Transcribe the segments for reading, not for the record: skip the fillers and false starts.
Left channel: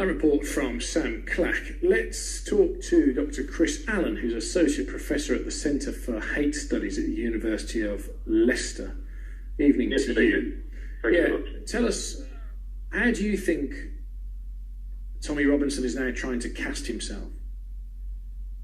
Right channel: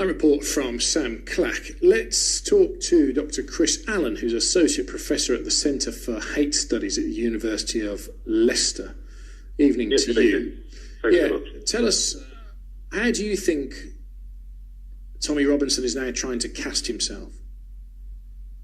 A report from Sam Clack. Let's talk to Dr. Chris Allen, who's Associate Professor at the Centre for Hate Studies at the University of Leicester. Evening to you. Tell us, how do you think Tommy Robinson is now trying to cast himself?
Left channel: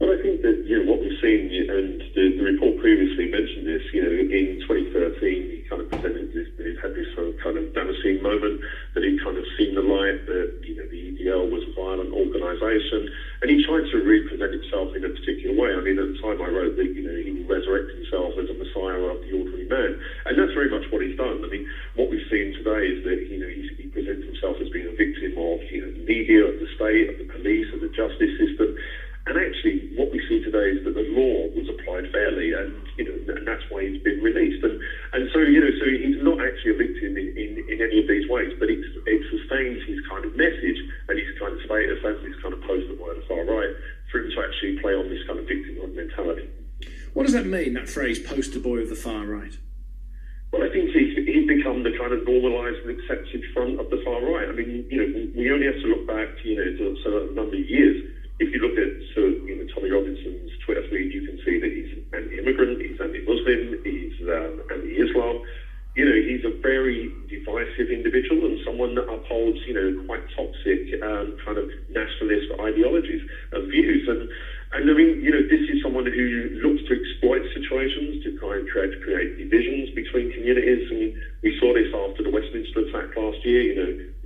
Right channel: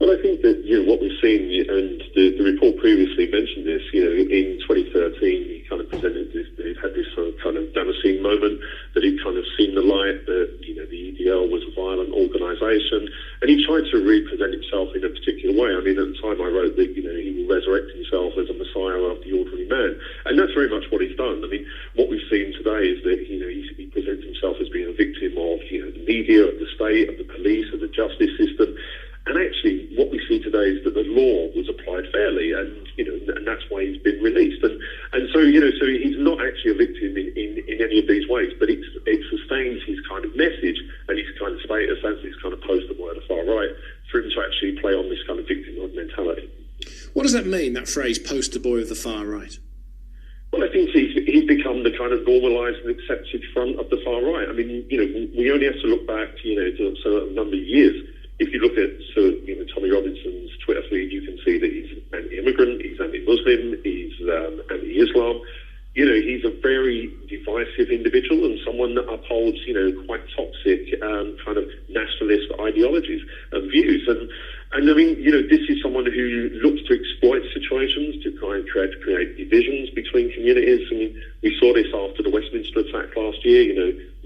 Well, I think that what we've seen, and the report previously mentioned this, in 2013 he kind of presented this, he had this kind of Damascene moment that he'd kind of seen the light, that the EDL was a violent organisation, and he tried to represent himself in a particular way. I mean, at the time I wrote that, he will resurrect himself as a messiah of the ordinary man, and that's very much what he's done. I mean, what we've seen today is that, he presents himself as being a victim of, the media, of the state, of the police, of the justice system. And actually, what we see today is that the law was applied fairly, and and that's why he's been released. And so so he's not actually a victim in any of these ways, but it sustains his kind of message and his kind of status as this kind of poster boy on the far right for him to actually play on this kind of victimhood mentality. What does that mean, that phrase, poster boy of the far right? Well, I think he's become the kind of normalised and accepted front of the far right. I mean, we only have to look back, to a number of years. If you look at Tommy Robinson's Twitter feed, you can see that he's anti-immigrant, he's anti-Muslim, he's anti-Islam. He's a very divisive individual and someone that upholds, quite toxic kind of nationalist ideologies and views. And I mean, this is someone who looks to exploit situations to try and create divisions between communities. I mean, we saw this after the Westminster attack last year.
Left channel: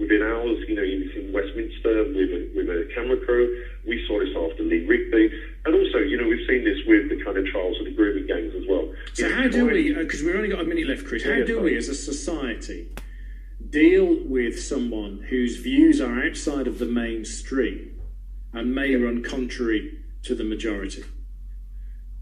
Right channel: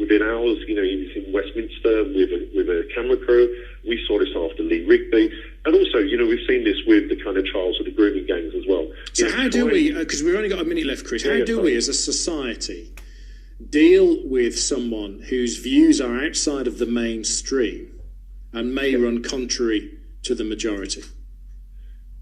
Within hours, he was in Westminster with a camera crew. We saw this after Lee Rigby. And also, we've seen this with the kind of trials of the grooming gangs as well. So how do we, because we've only got a minute left, Chris, how do we as a society deal with someone whose views are outside of the mainstream and may run contrary to the majority?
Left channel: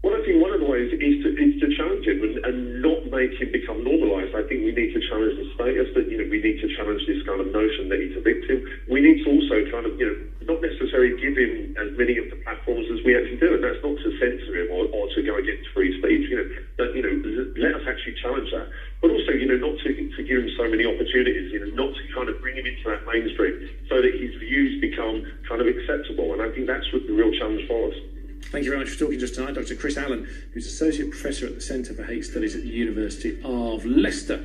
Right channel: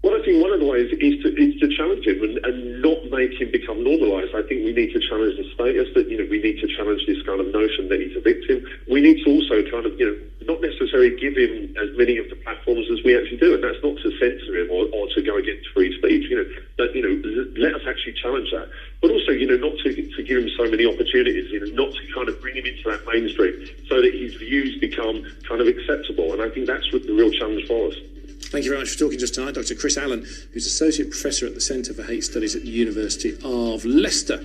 Well, I think one of the ways is to challenge him and not make him become normalised. I think we need to challenge the status that, we need to challenge this kind of notion that he's a victim. We need to also kind of, not necessarily give him as many of the platforms as we actually do. And that's not to censor him or to go against free speech, but, let us actually challenge that. But also, not to give him so many opportunities, not to kind of bring him into that mainstream so that his views become kind of acceptable. And I think that's the real challenge for us. Thank you very much for talking to us tonight, Dr. Chris Allen, who's Associate Professor at the Centre for Hate Studies at the University of Leicester.